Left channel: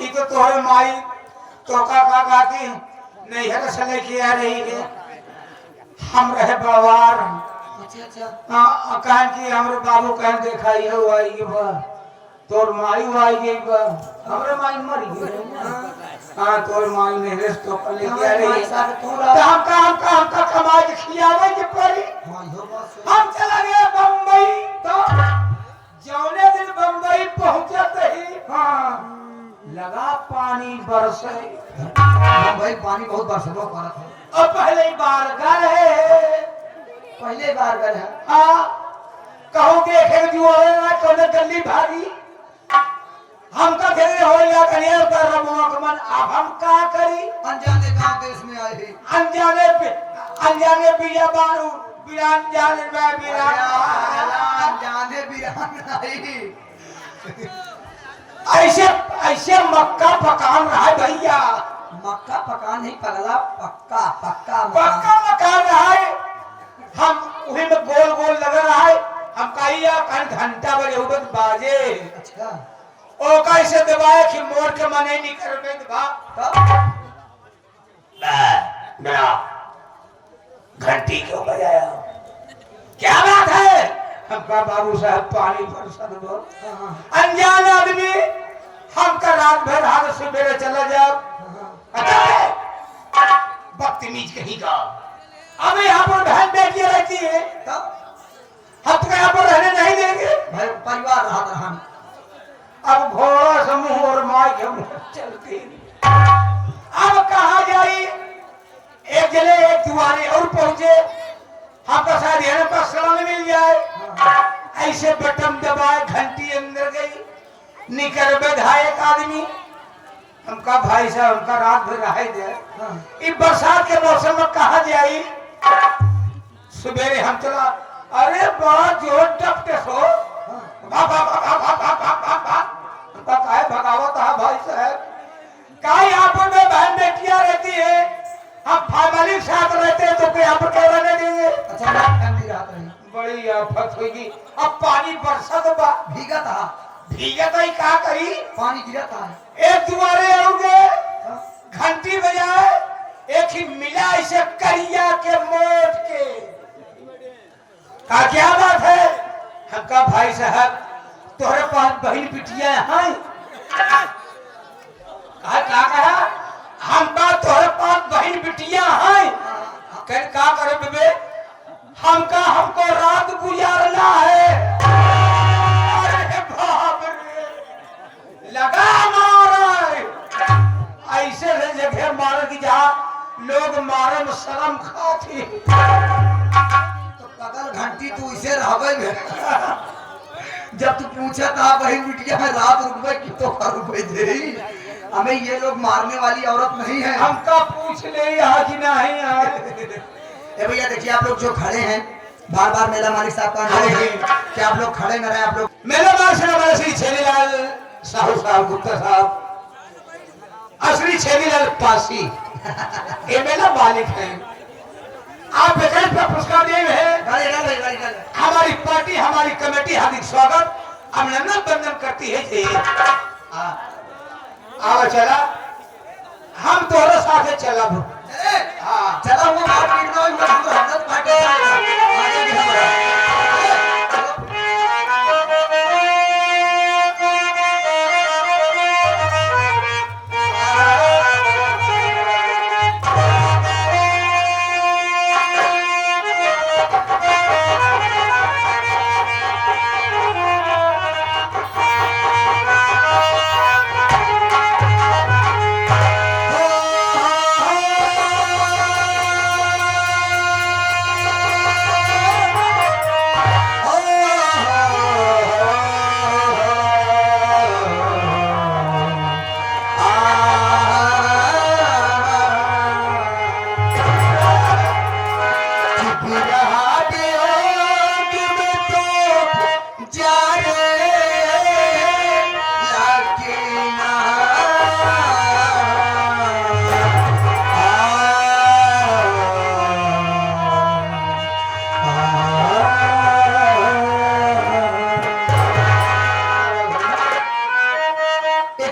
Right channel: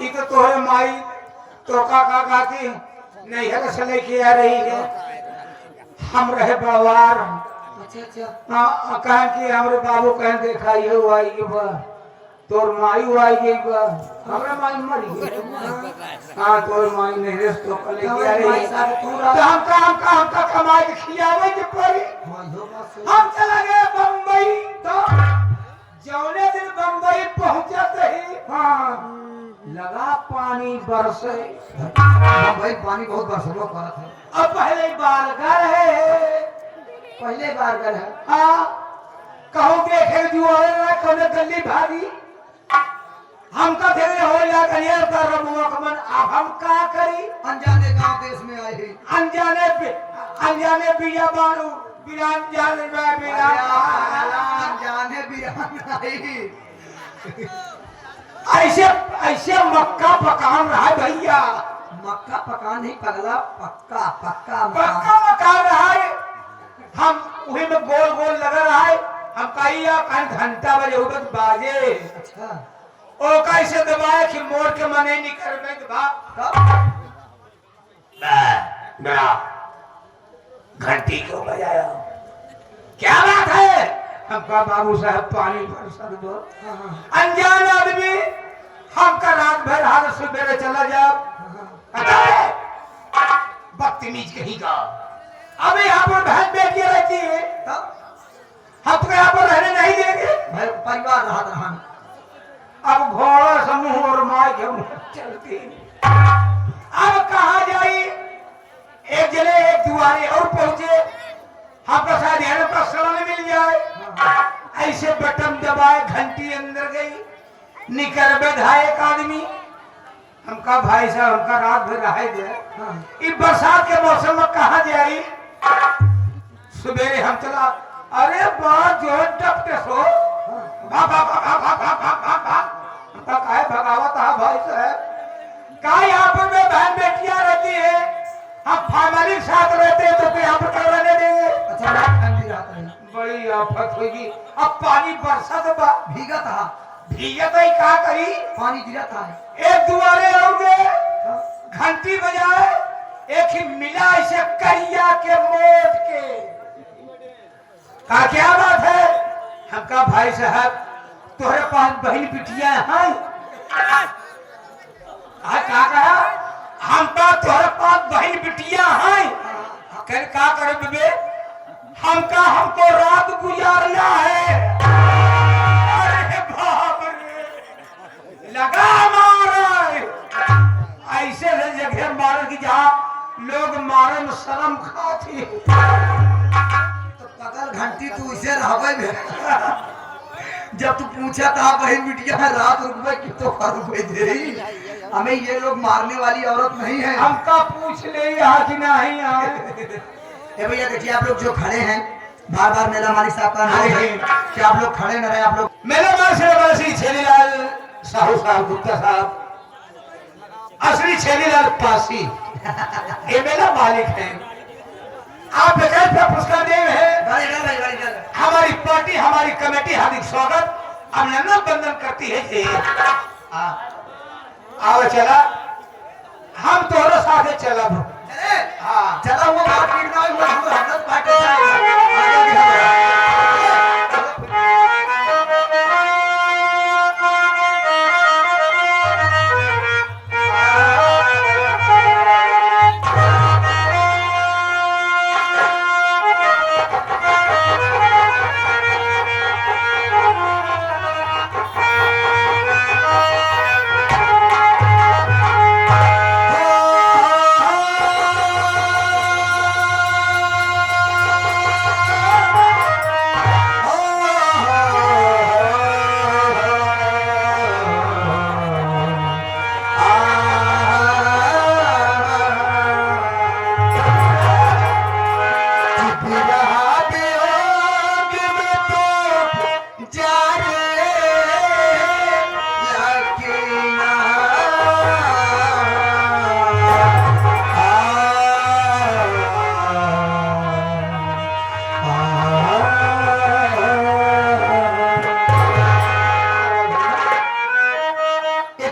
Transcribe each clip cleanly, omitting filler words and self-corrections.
ये तो तोहरे माई तो का गाती नैहर से लेके आ रही है। हम रहे बड़वार। अच्छा हाँ कहें कि हमरे बाबू कहें देखा ये वो आई बा तोर माई वो आई गई बा हमरे माई मरी गई। हाँ तोर माई नैहर से तो लेके आ रही है। तो हम कमाई के खियावे के पड़ी। हम चला गए बम्बई। तो जौने दिन बम्बई पहुंचते ही हाँ लगा पानी बरसे। भाई पानी बहुत बरसलो करत है। अब पहले बार घर है पहले बार गए है। हाँ कहूँ देखे जो तो गली भागी हम तो फिर हो कन्या कर मन अब हम का करी। अनजाने गांव देश में आए हैं। अनजाने बिया बारू बिरान जाने बिरान अनजाने बिरान आई। ऐसे ऐसे मक्का पकान रहा है भैया। मक्का पकान नहीं पगला पक्का पक्का पक्का मकान रहा है। हम वही में गोल गोल लगा रहा है। हम कहिया घंटा बजे उबत बाजे। अच्छा ओ कैसे दबाए कि मोड़ के मने नहीं कर में दबा बड़ा घंटी क्यों बजाया क्या बात है। हमका बाबू साहब पानी बरसा दो। अनजान आदमी हमका रात भर हाथ सुबह चला जाओ। बदतमीज कहीं का अबे यहाँ पर बहन बेटी रहती है हम तो यहाँ पर रहने नहीं देंगे। भाई परिवार रहा हम अब घोड़ा समूह और माँ के चलती अब कहा जाई। एक जले एक दुआरे और पहुंचे आपका शायद हेरों का सलाम मिल जाए। ऐसे बटन दबाए घंटी अंदर गई निकर बैठा एक आदमी। हमका भाई साहब हमका रात भर रह जाए। इस बरसात के मौसम में कहा जाई। सुबह हम चला अरे बहुत जोर टपटे सो भगावत है भाई साहब का यहाँ पर बहन बेटियां रहती है। हम फैमिली साथ रहते हैं तो यहाँ पर करवाने देंगे। अच्छा ठंडी रात रही बड़ी आफत होगी। अब पानी बरसात भीगा था भीगा तो क्या करी पानी गिरा था। एक दुआरे आओगे घंटी बजाए एक ही मिला इसे करिया के मोट के का क्या बात है। हमका भाई साहब तोहरे पास बहन बिटिया हैं क्या कहा हमका तोहरे पास बहन बिटिया हैं कर क्या करे बेबे हमको रात गुजारना है। अरे बाप रे लगा मारे ऐसे जगह मारे की जहाँ लोग मारे में शर्म खाती। तो पगल घंटी तू इसे रह गए जब तू पूछा था बहन बिटिया में रात रुकवे की तो रुपए दे हमें ये लोग मारने वाली औरत नहीं है। हमका पूछ ले यहाँ की नहीं आए। ए भैया देखिए आप लोग जो खड़े हैं बार बार मेला मालिक साहब का नाम है कि आप लोग खड़े न रहे। आप लोग मेला मालिक श्री छेनीलाल साहू साहब गुप्ता साहब असली छेनीलाल पासी ये मेला मालिक है। आप बगैर पर पुरस्कार दे हैं। हमारी पार्टी हमारी कमेटी हार्दिक स्वागत अभिनंदन बंदन करती है जी। आओ चला हम तोरे साथ चला हाँ चला वो हमदत पार्टी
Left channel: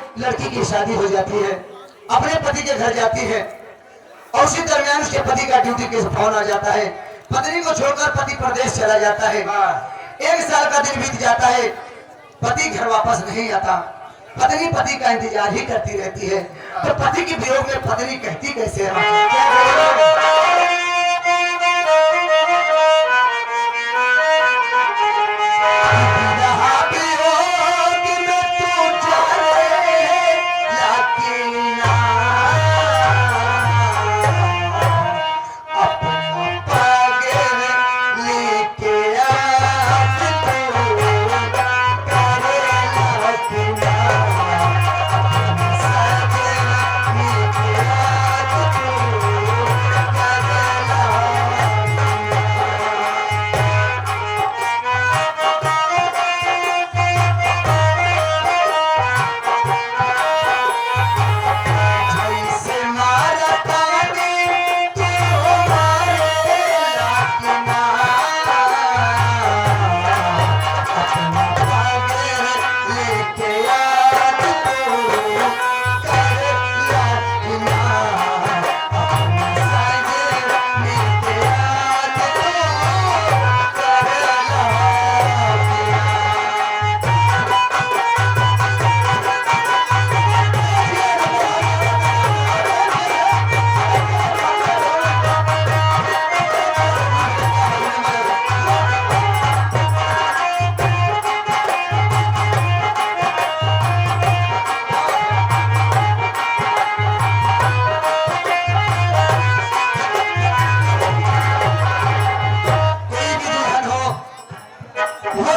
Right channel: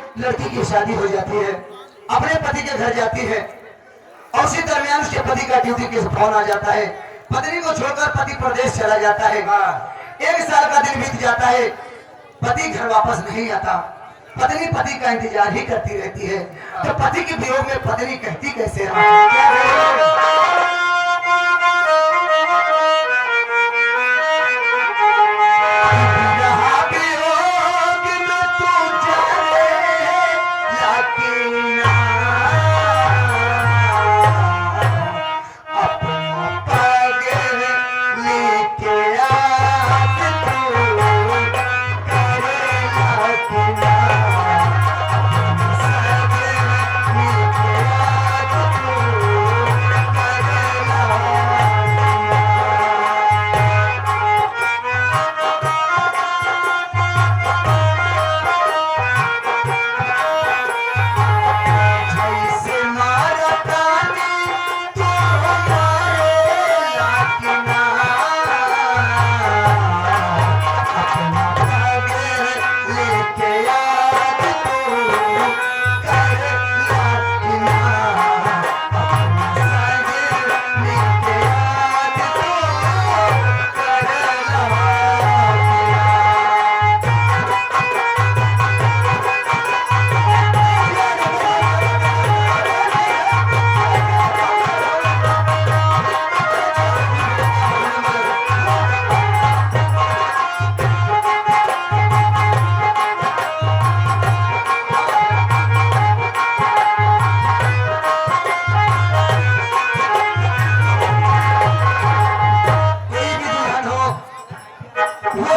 एक लड़की की शादी हो जाती है, अपने पति के घर जाती है और उसी दरमियान उसके पति का ड्यूटी के फोन आ जाता है। पत्नी को छोड़कर पति प्रदेश चला जाता है। 1 साल का दिन बीत जाता है, पति घर वापस नहीं आता। पत्नी पति का इंतजार ही करती रहती है। तो पति के वियोग में पत्नी कहती कैसे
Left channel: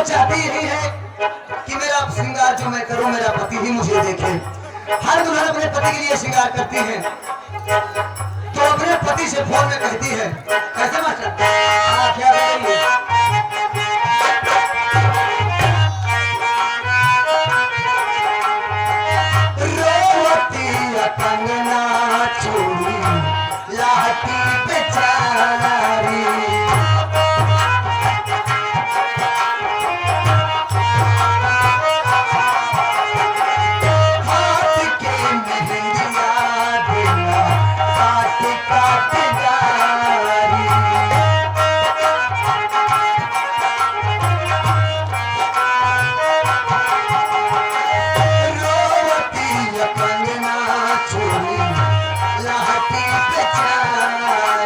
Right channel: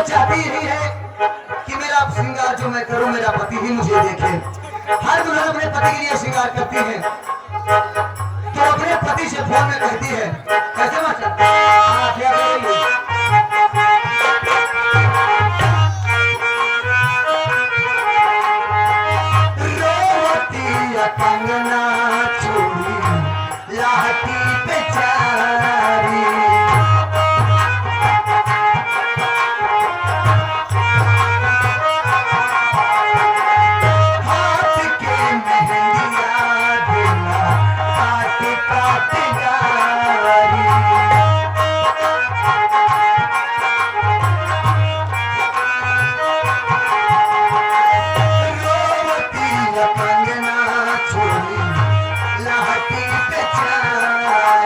चाहती यही है कि मेरा श्रृंगार जो मैं करूं मेरा पति ही मुझे देखे। हर दुल्हन अपने पति के लिए श्रृंगार करती है तो अपने पति से फोन में कहती है कैसे कंगना चोरी लाती बेचारी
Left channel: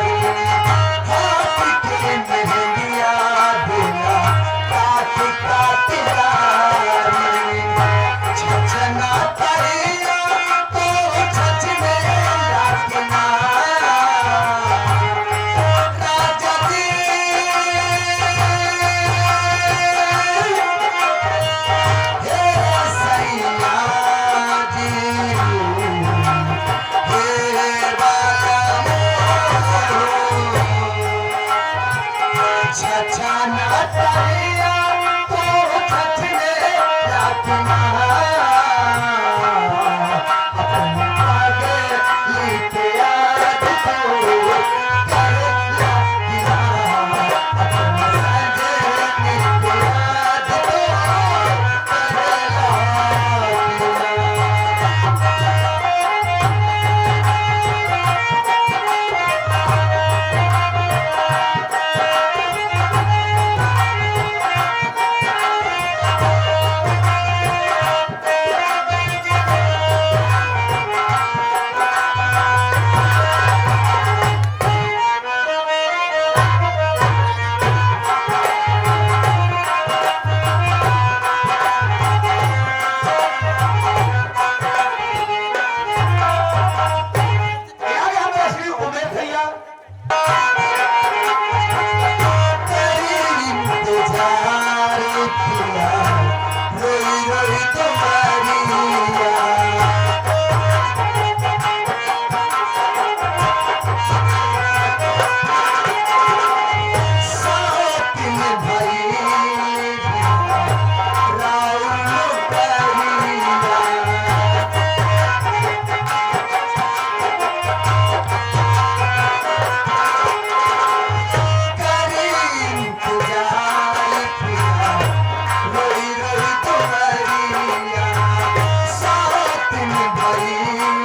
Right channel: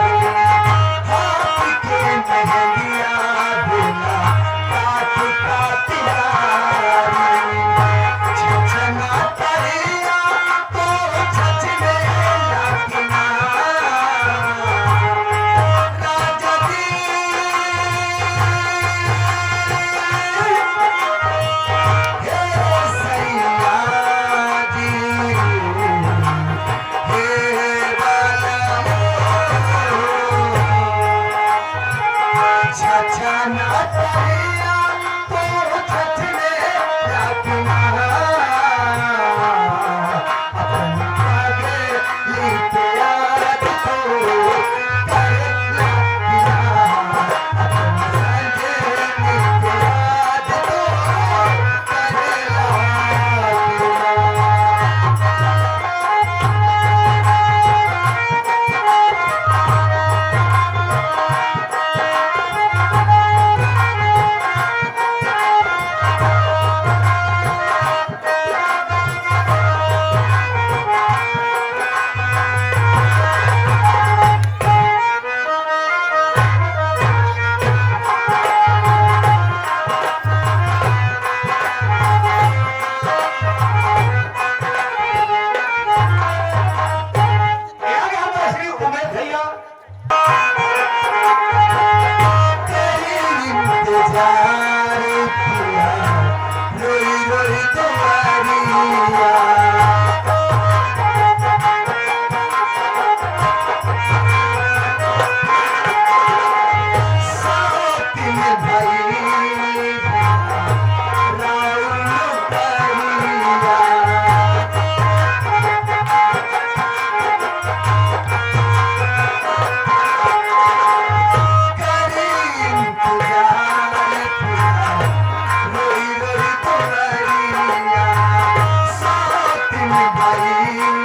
Bye. भाई